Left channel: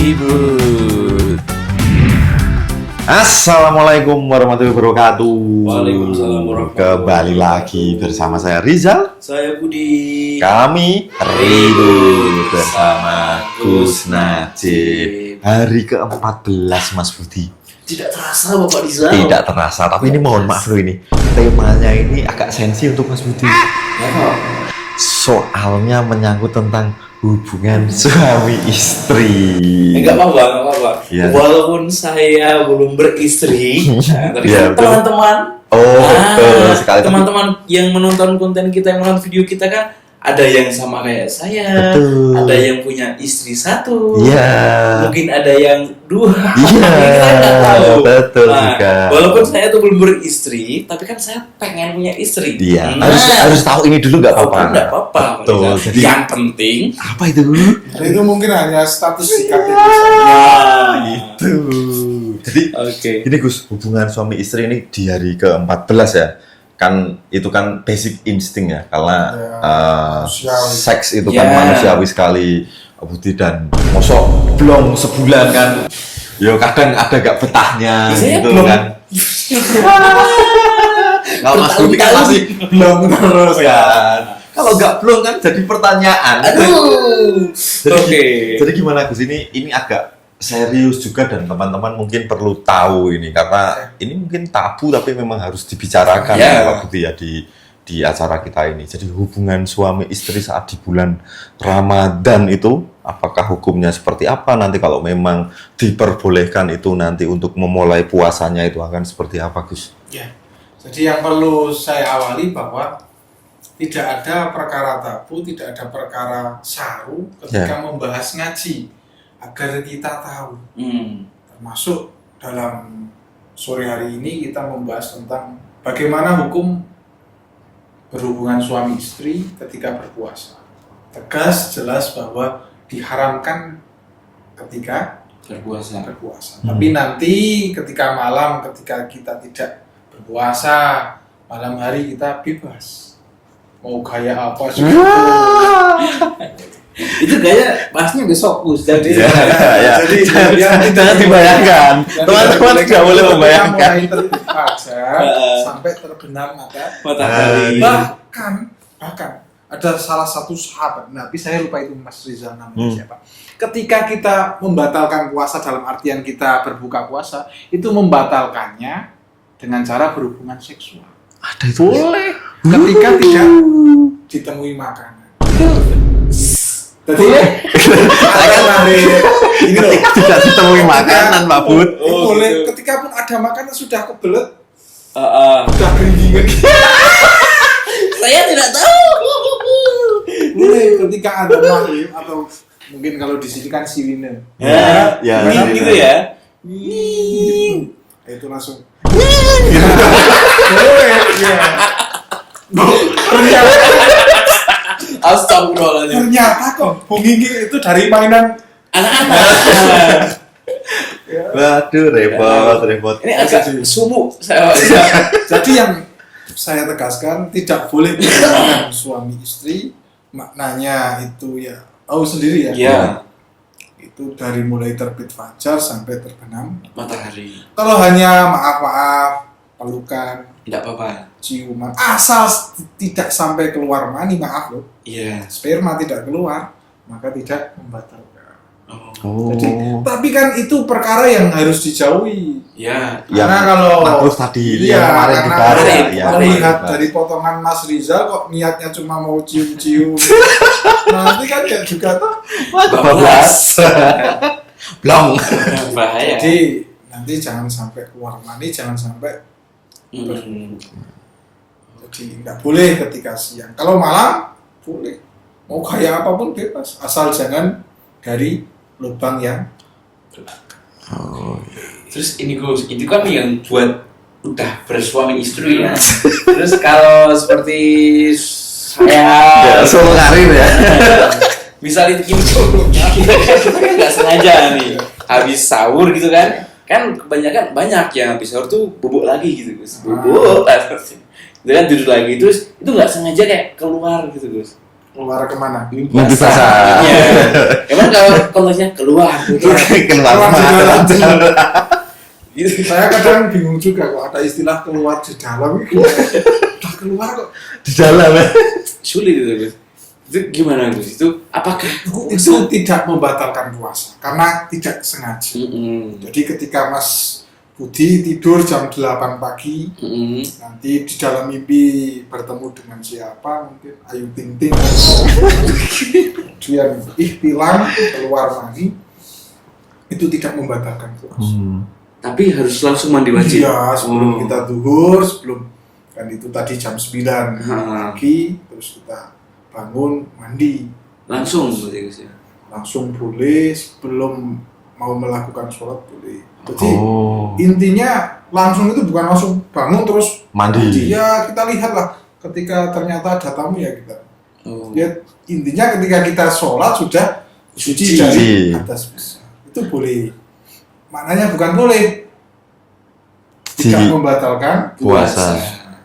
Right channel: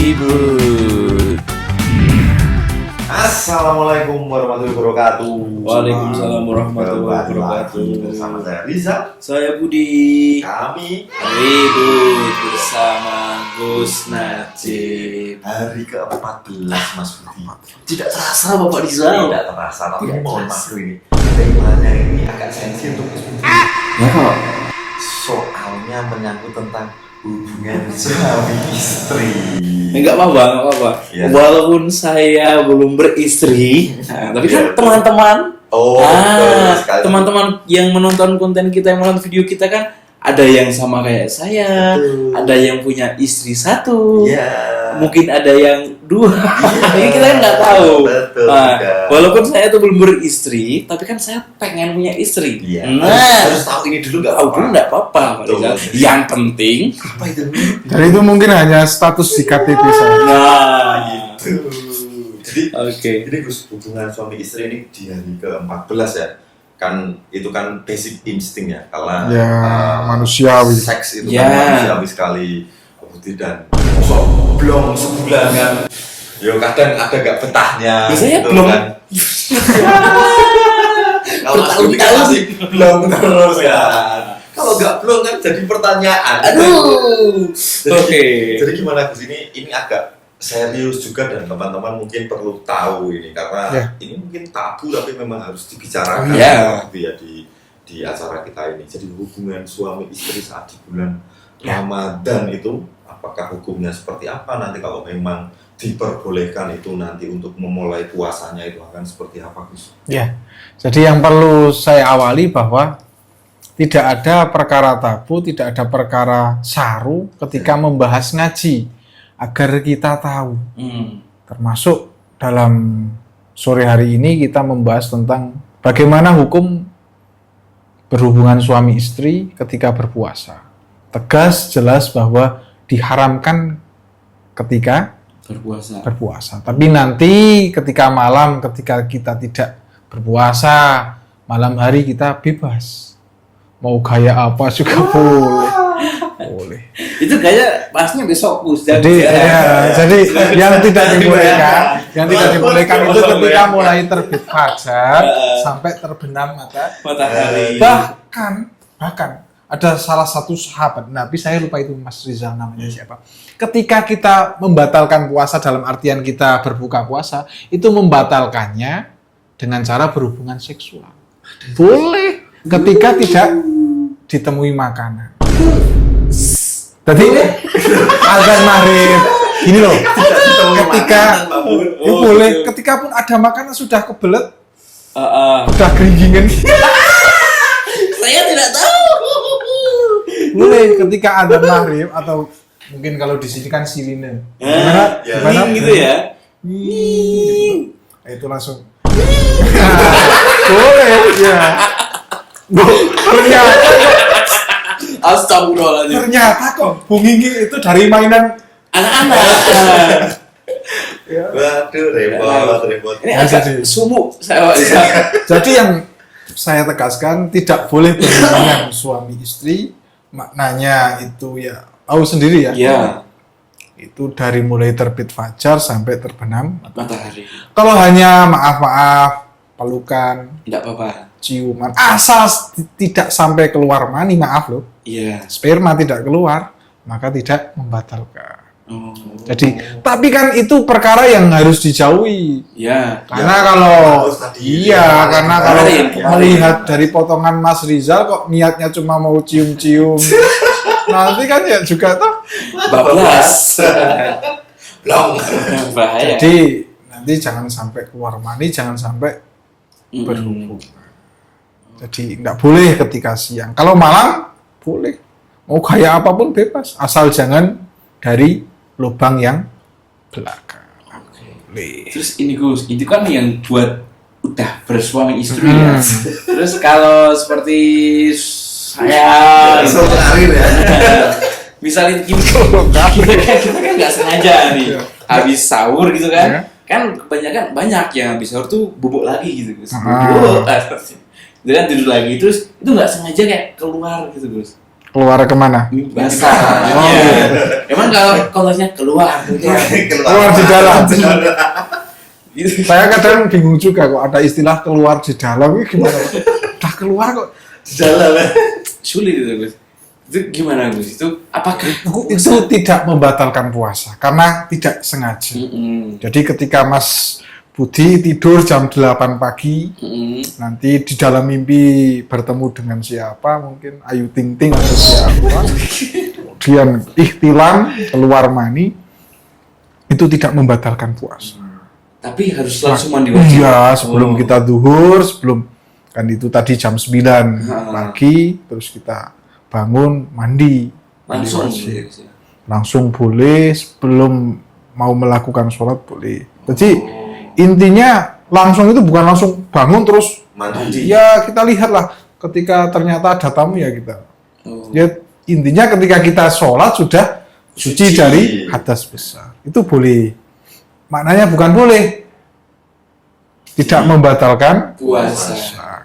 Ribut. Assalamualaikum warahmatullahi wabarakatuh. Waalaikumsalam warahmatullahi Kembali lagi bersama saya Rizal. Saya Budi. Kami Ribut bersama Gus Najib. Hari ke-14 Mas Budi. Tidak terasa Bapak Rizal. Tidak terasa, tapi ini mohon maaf loh ini. Temanya ini agak sensi untuk Mas Budi. Ya kok. Soalnya menyangkut tentang hubungan suami istri. Enggak apa-apa. Ya. Walaupun saya belum beristri, tapi kan Ya, teman-teman, betul sekali. teman-teman yang menonton konten kita, yang menonton video kita kan ada yang sama kayak saya, Betul. ada yang punya istri satu, Iya. mungkin ada yang dua. Iya. Jadi kita nggak tahu. Betul Nah, juga. walaupun saya tuh belum beristri, tapi kan saya pengen punya istri. Iya. Nah, Harus tahu ini dulu nggak apa-apa. nggak apa-apa. Pak Betul. Rizal. Yang penting, Apa itu dulu? Dan itu mungkin hanya status di KTP saya. nah, Jadi oke. ini Gus, hubungan suami istri ini di hari ke-14 ya. Kan itu kan basic insting ya. Karena Ya, manusiawi. seks itu Ya. kan manusiawi sekali. Budi dan mosok belum sebulan kan. Yo kadang ada gak betahnya Biasanya gitu belum. kan. Kalau Mas Budi kan Bertahun-tahun. masih belum terus kan. Kalau nggak belum kan jadi pertanyaan. Aduh. Jadi, Oke. jadi gimana Gus, ini agak serius juga dan teman-teman mungkin perlu tahu ini karena Ya. ini mungkin tabu tapi memang harus dibicarakan Ya. Pak Budi ya di acara kita ini. Jadi hubungan suami istri saat di bulan Ramadan itu apakah hukumnya seperti apa, nanti kalau memang diperbolehkan itu nanti untuk memulai puasanya itu akan seperti apa Gus? Ya. Jadi yang perlu saya awali bahwa tidak ada perkara tabu, tidak ada perkara saru ketika Ya. membahas ngaji agar kita tahu. Termasuk dalam sore hari ini kita membahas tentang bagaimana hukum berhubungan suami istri ketika berpuasa. Tegas, jelas bahwa diharamkan ketika Berpuasa. berpuasa. Tapi nanti ketika malam, ketika kita tidak berpuasa, malam hari kita bebas. Mau gaya apa juga boleh. Itu kayaknya pasnya besok Gus. Jadi, ya. jadi yang tidak dibayangkan, yang tidak Teman-teman dibolehkan nggak itu boleh ketika membayangkan. mulai terbit fajar sampai terbenam Matahari. bahkan ada salah satu sahabat Nabi, saya lupa itu Mas Rizal namanya siapa. Ketika kita membatalkan puasa dalam artian kita berbuka puasa, itu membatalkannya dengan cara berhubungan seksual. Ada itu Boleh. Ketika tidak ditemui makanan. Jadi ada mari ini loh, tidak ditemui makanan Pak Bud. Boleh. Ketika pun ada makanan sudah kebelet, sudah keringgingan. Saya tidak tahu. Boleh ketika ada maghrib atau mungkin kalau di sini kan siline. ya, Ning gitu ya. Itu langsung. Boleh. Ya. Astagfirullahaladzim. Ternyata kok bunginggi itu dari mainan Anak-anak. Waduh, repot. Ini agak sumuk saya. Jadi yang saya tegaskan tidak boleh berhubungan suami istri, maknanya itu ya tahu sendiri ya. Iya. Itu dari mulai terbit fajar sampai terbenam. Matahari. Kalau hanya maaf-maaf, pelukan, Tidak apa-apa. ciuman, asal tidak sampai keluar mani, maaf loh, Iya. sperma tidak keluar, maka tidak membatalkan. Oh. Jadi, tapi kan itu perkara yang harus dijauhi. Iya. Karena Ya, kalau bagus tadi. iya, karena kalau kemarin. melihat dari potongan Mas Rizal kok niatnya cuma mau cium-cium, nanti kan ya juga tuh. Bablas. Blong. Bahaya. Jadi nanti jangan sampai keluar mani, jangan sampai Mm-mm. jadi nggak boleh ketika siang. Kalau malam boleh, mau kayak apapun bebas, asal jangan dari lubang yang belakang. Terus ini Gus, itu kan yang buat udah bersuami istri ya. Terus kalau seperti saya, Karir ya. misalnya gini, kita kan nggak sengaja nih, habis sahur gitu kan, kan kebanyakan banyak yang habis sahur tuh bubuk lagi gitu Gus. Bubuk itu kan tidur lagi terus itu nggak sengaja kayak keluar gitu Gus. Keluar kemana? Mimpi basah. Emang kalau konteksnya keluar Keluar di dalam. gitu. Saya kadang bingung juga kok ada istilah keluar di dalam. Udah keluar kok Di dalam. Sulit itu Gus. Itu gimana Gus? Itu apakah itu tidak membatalkan puasa karena tidak sengaja. Jadi ketika Mas Budi tidur jam 8 pagi, nanti di dalam mimpi bertemu dengan siapa, mungkin Ayu Ting Ting, kemudian ikhtilam, keluar mani, itu tidak membatalkan puasa. Tapi harus langsung mandi wajib. Iya, sebelum kita duhur, sebelum kan itu tadi jam 9 pagi, terus kita bangun, mandi. Langsung gitu ya Gus ya. Langsung boleh, sebelum mau melakukan sholat boleh. Jadi intinya langsung itu bukan langsung bangun terus Mandi. ya kita lihatlah ketika ternyata ada tamu ya kita. Ya intinya ketika kita sholat sudah suci dari hadas besar. Itu boleh. Maknanya bukan boleh. Tidak membatalkan puasa.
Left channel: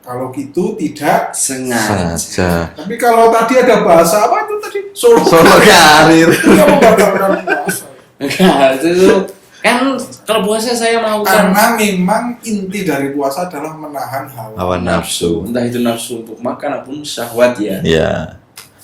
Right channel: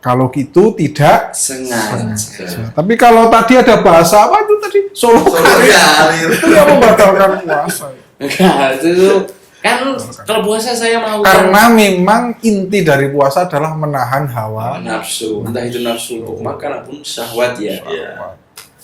Kalau gitu tidak Sengaja. Tapi kalau tadi ada bahasa apa itu tadi? Solo karir. Tidak membatalkan puasa. Enggak, itu kan kalau puasa saya mau Karena memang inti dari puasa adalah menahan hawa nafsu. Entah itu nafsu untuk makan ataupun syahwat ya. Iya.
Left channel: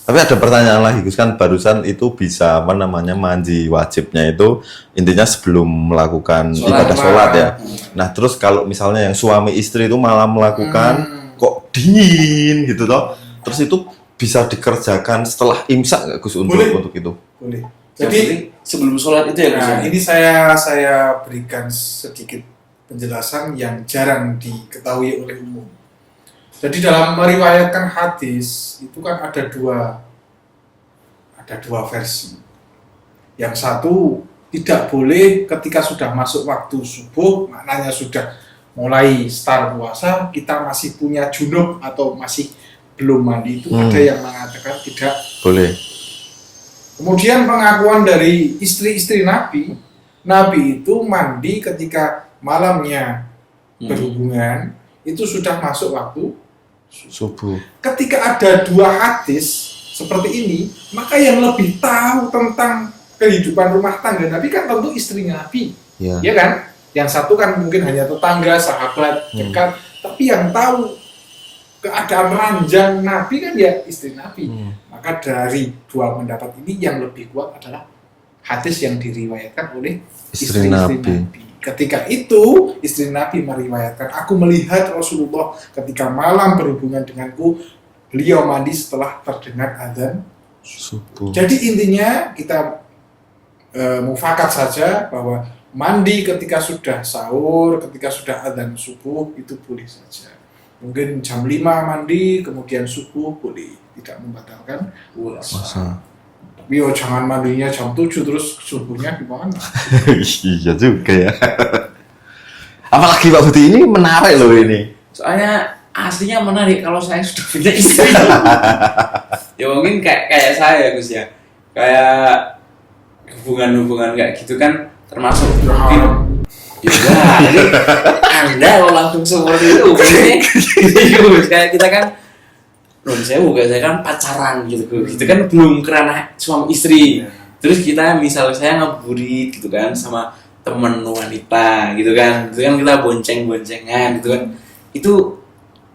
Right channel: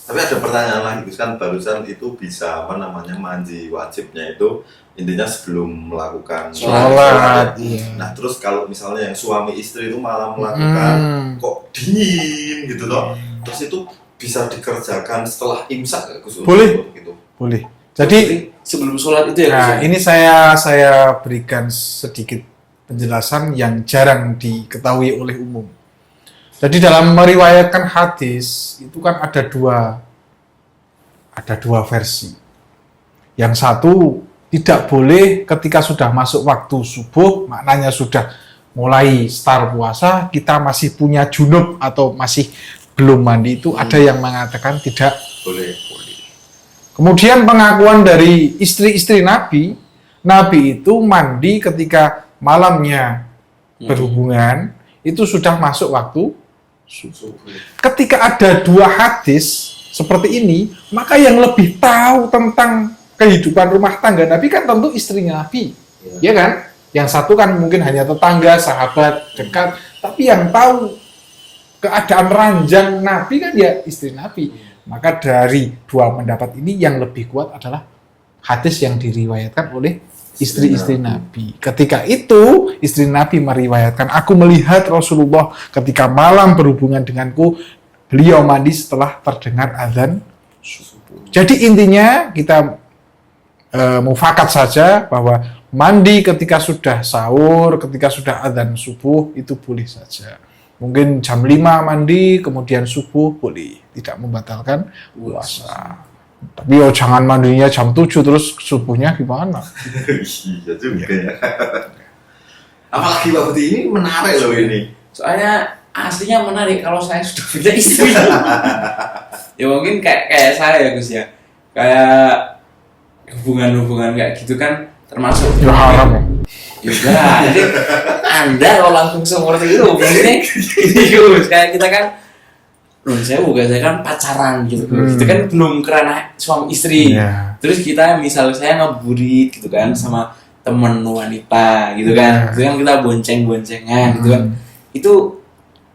Tapi ada pertanyaan lagi Gus, kan barusan itu bisa apa namanya mandi wajibnya itu intinya sebelum melakukan sholat ya. Nah terus kalau misalnya yang suami istri itu malah melakukan kok dingin gitu toh, terus itu bisa dikerjakan setelah imsak nggak Gus untuk itu? Boleh. Jadi sebelum sholat itu ya Gus. Nah, ini saya berikan sedikit penjelasan yang jarang diketahui oleh umum. Jadi dalam meriwayatkan hadis itu kan ada dua versi. Yang satu tidak boleh ketika sudah masuk waktu subuh, maknanya sudah mulai start puasa, kita masih punya junub atau masih belum mandi itu ada yang mengatakan tidak boleh. Kemudian pengakuan dari istri-istri Nabi itu mandi ketika malamnya berhubungan, itu sudah masuk waktu subuh. Ketika ada dua hadis seperti ini, maka yang lebih tahu tentang kehidupan rumah tangga Nabi kan tentu istri Nabi, ya kan? Yang satu kan mungkin hanya tetangga, sahabat dekat, tapi yang tahu keadaan ranjang Nabi kan ya istri Nabi. Maka dari dua pendapat ini yang lebih kuat adalah hadis yang diriwayatkan oleh istri-istri Nabi. Ketika itu istri Nabi meriwayatkan, aku melihat Rasulullah ketika malam berhubungan denganku, beliau mandi setelah terdengar azan subuh. Jadi intinya kita mufakat saja bahwa mandi ketika sudah sahur, ketika sudah azan subuh itu boleh saja. Mungkin jam 5 mandi, kemudian subuh boleh, tidak membatalkan puasa. Tapi jangan mandinya jam 7 terus subuhnya gimana? Iya juga ya. Apalagi Pak Budi ini menarik loh ini. Soalnya aslinya menarik kalau saya sudah punya istri. Ya mungkin kayak saya ya Gus ya. Kayak hubungan kayak gitu kan termasuk haram. Ya jadi Anda kalau langsung seperti itu maksudnya gitu Gus. Kayak kita kan saya kan pacaran gitu. Kita kan belum kerana suami istri. Terus kita misalnya saya ngabuburit gitu kan sama teman wanita gitu kan. Itu kan kita bonceng-boncengan gitu kan. Itu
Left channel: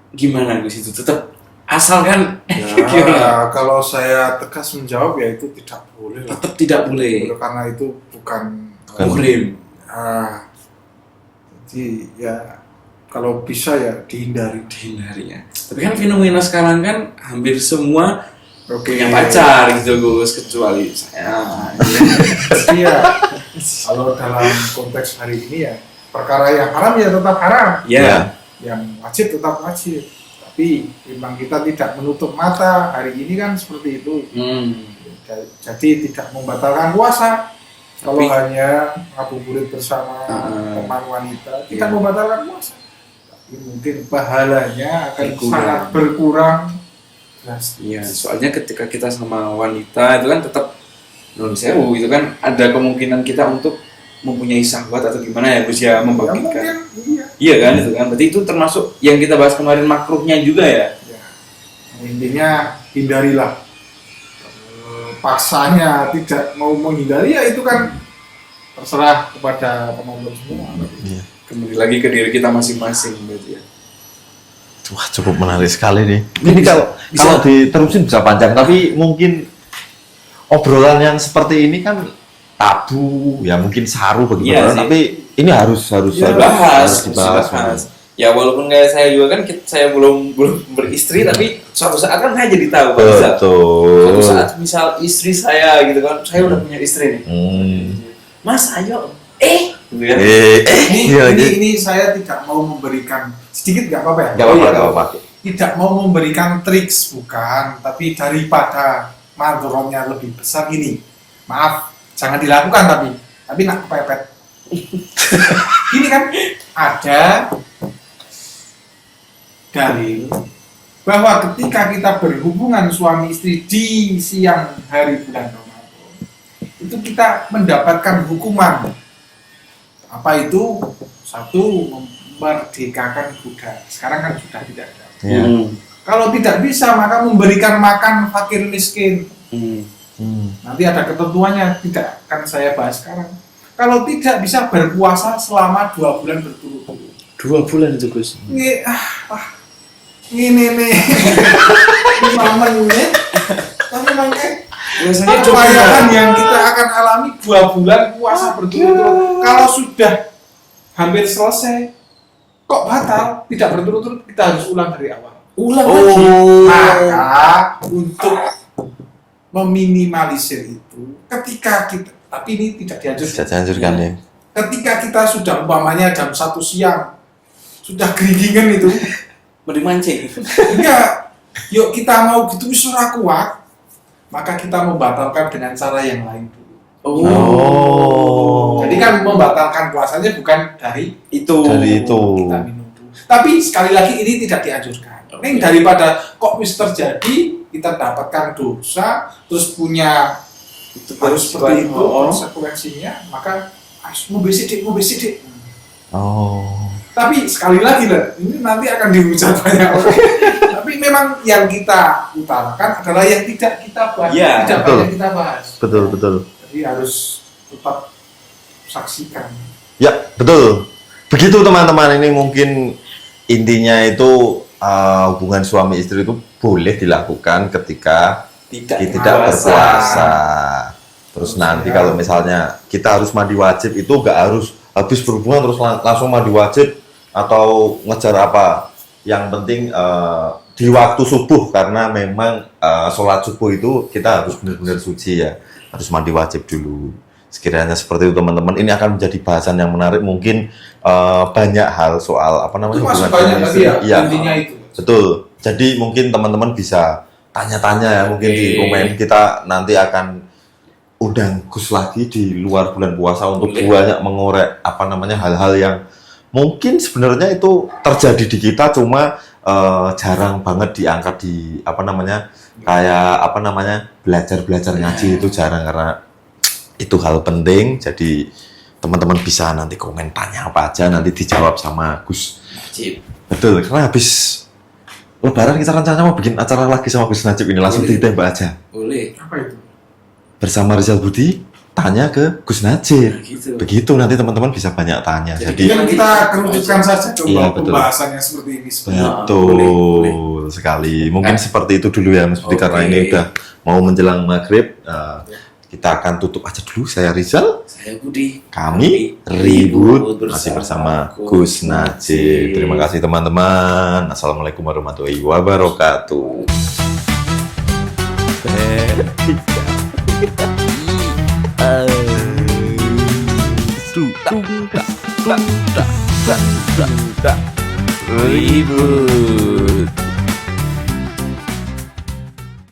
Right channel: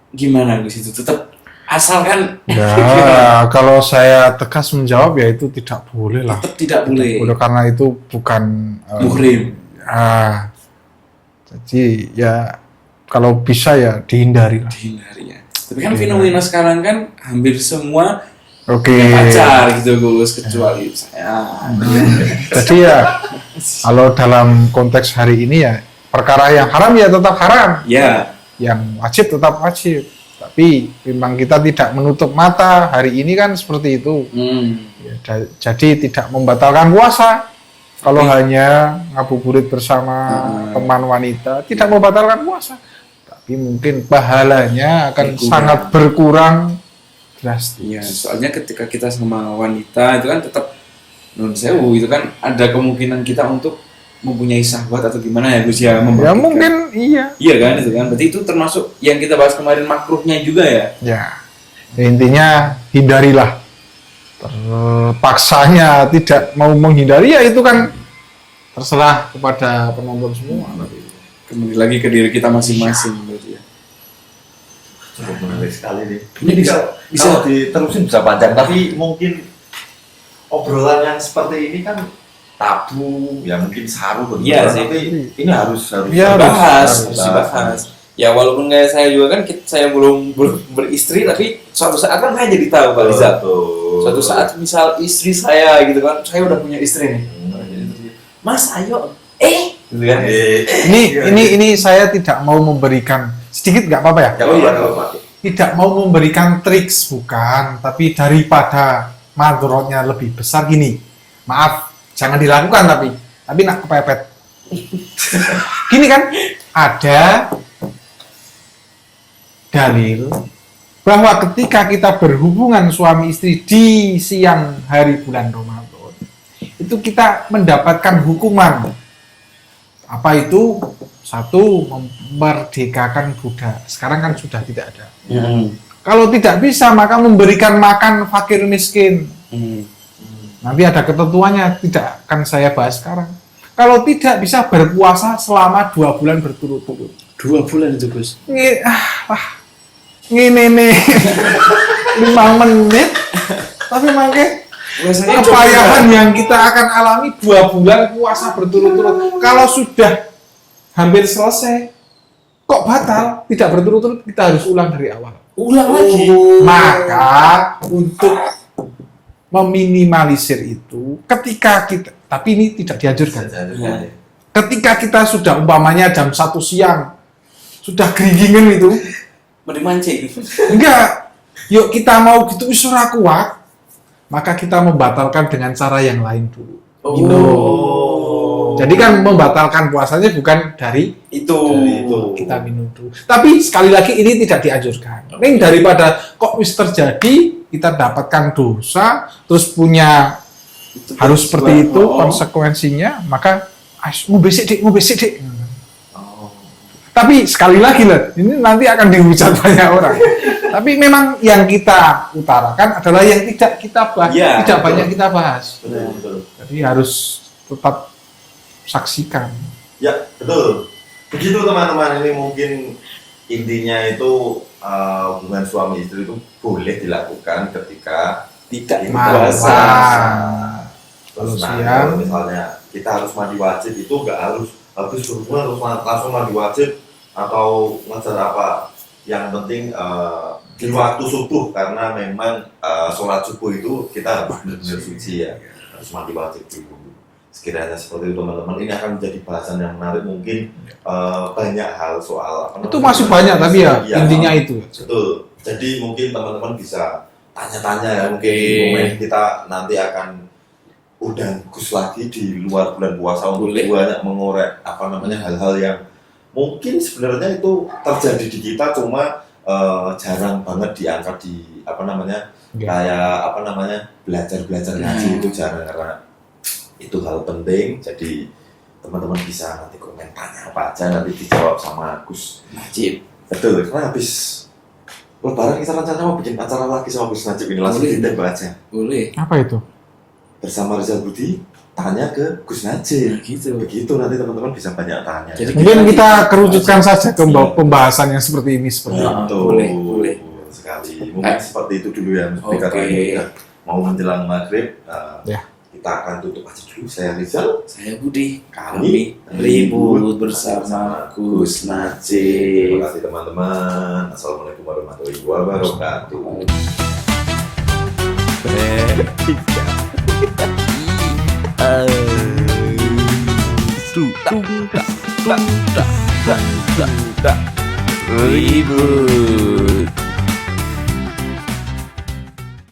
gimana Gus itu tetap asal kan ya, kalau saya tegas menjawab ya itu tidak boleh lah. Tetap tidak boleh. Karena itu bukan muhrim. Jadi ya kalau bisa ya dihindari ya. Tapi kan fenomena sekarang kan hampir semua punya pacar gitu Gus, kecuali saya. Jadi ya kalau dalam konteks hari ini ya perkara yang haram ya tetap haram. Ya. Yang wajib tetap wajib. Tapi memang kita tidak menutup mata hari ini kan seperti itu. Ya, jadi tidak membatalkan puasa. Kalau hanya ngabuburit bersama teman wanita tidak membatalkan puasa. Tapi mungkin pahalanya akan sangat berkurang drastis. Iya, soalnya ketika kita sama wanita itu kan tetap non sewu itu kan ada kemungkinan kita untuk mempunyai sahabat atau gimana ya Gus ya Ya membagikan. mungkin iya. Iya kan itu kan. Berarti itu termasuk yang kita bahas kemarin makruhnya juga ya. Ya. Intinya hindarilah. Paksanya tidak mau menghindari ya itu kan terserah kepada penonton semua. Kembali lagi ke diri kita masing-masing berarti ya. Wah, cukup menarik sekali nih. Ini Ini bisa- kalau diterusin bisa panjang, tapi mungkin obrolan yang seperti ini kan tabu, ya mungkin saru begitu. Iya sih. Tapi ini harus Iya, Dibahas, harus harus dibahas. Ya walaupun kayak saya juga kan saya belum beristri tapi suatu saat kan saya jadi tahu Pak Rizal. Betul. Suatu saat misal istri saya gitu kan, saya udah punya istri nih. Mas ayo, gitu kan. Ini saya tidak mau memberikan sedikit nggak apa-apa ya? Nggak Oh, iya, apa-apa, nggak apa-apa. Tidak mau memberikan triks bukan, tapi daripada madorotnya lebih besar gini. Maaf, jangan dilakukan tapi nak kepepet. Gini kan, ada dalil bahwa ketika kita berhubungan suami istri di siang hari bulan Ramadan, itu kita mendapatkan hukuman. Apa itu? Satu, memerdekakan budak. Sekarang kan sudah tidak ada. Ya. Kalau tidak bisa, maka memberikan makan fakir miskin. Nanti ada ketentuannya, tidak akan saya bahas sekarang. Kalau tidak bisa berpuasa selama 2 bulan berturut-turut. 2 bulan itu Gus. Ini nih 5 menit, tapi makanya Biasanya kebayangan yang kita akan alami 2 bulan puasa berturut-turut. Kalau sudah hampir selesai, kok batal? Tidak berturut-turut, kita harus ulang dari awal. ulang lagi. Maka untuk meminimalisir itu, ketika kita, tapi ini tidak dianjurkan. Saya anjurkan ya. Ketika kita sudah umpamanya jam 1 siang, sudah geringingan itu, Mau dimancing. enggak, yuk kita mau gitu isra kuat, maka kita membatalkan dengan cara yang lain dulu. Jadi kan membatalkan puasanya bukan dari Dari itu. kita minum dulu. Tapi sekali lagi ini tidak dianjurkan. Ini daripada kok wis terjadi kita dapatkan dosa terus punya harus seperti itu konsekuensinya, maka mau besik dik. Tapi sekali lagi lah, ini nanti akan dihujat banyak orang. Tapi memang yang kita utarakan adalah yang tidak kita bahas, Ya, tidak betul. banyak kita bahas. Betul. Jadi harus tetap saksikan. Ya, betul. Begitu teman-teman, ini mungkin intinya itu hubungan suami istri itu boleh dilakukan ketika Tidak tidak puasa. puasa. Terus Terus nanti ya. kalau misalnya kita harus mandi wajib itu nggak harus habis berhubungan terus langsung mandi wajib atau ngejar apa. Yang penting di waktu subuh karena memang sholat subuh itu kita harus benar-benar suci ya, harus mandi wajib dulu. Sekiranya seperti itu teman-teman, ini akan menjadi bahasan yang menarik. Mungkin banyak hal soal apa namanya. Itu masih banyak tapi ya intinya itu. Betul. Jadi mungkin teman-teman bisa tanya-tanya ya, mungkin di komen kita nanti akan undang Gus lagi di luar bulan puasa untuk Boleh. banyak mengorek apa namanya hal-hal yang mungkin sebenarnya itu terjadi di kita cuma jarang banget diangkat di apa namanya kayak apa namanya belajar ngaji itu jarang karena itu hal penting. Jadi teman-teman bisa nanti komen tanya apa aja nanti dijawab sama Gus. Wajib. Betul, karena habis Lebaran kita rencana mau bikin acara lagi sama Gus Najib ini langsung Boleh. ditembak aja. Boleh. Apa itu? Bersama Rizal Budi tanya ke Gus Najib. Nah, gitu. Begitu nanti teman-teman bisa banyak tanya. Jadi- Jadi Mungkin kita kerucutkan saja Iya, betul. pembahasan yang seperti ini sebenarnya. Ya, betul boleh. sekali. Mungkin Eh. seperti itu dulu ya, seperti Oke. karena ini udah mau menjelang maghrib. Ya. Kita akan tutup aja dulu. Saya Rizal. Saya Budi. Kami ribut bersama Gus Najib. Terima kasih teman-teman. Assalamualaikum warahmatullahi wabarakatuh. Ribut.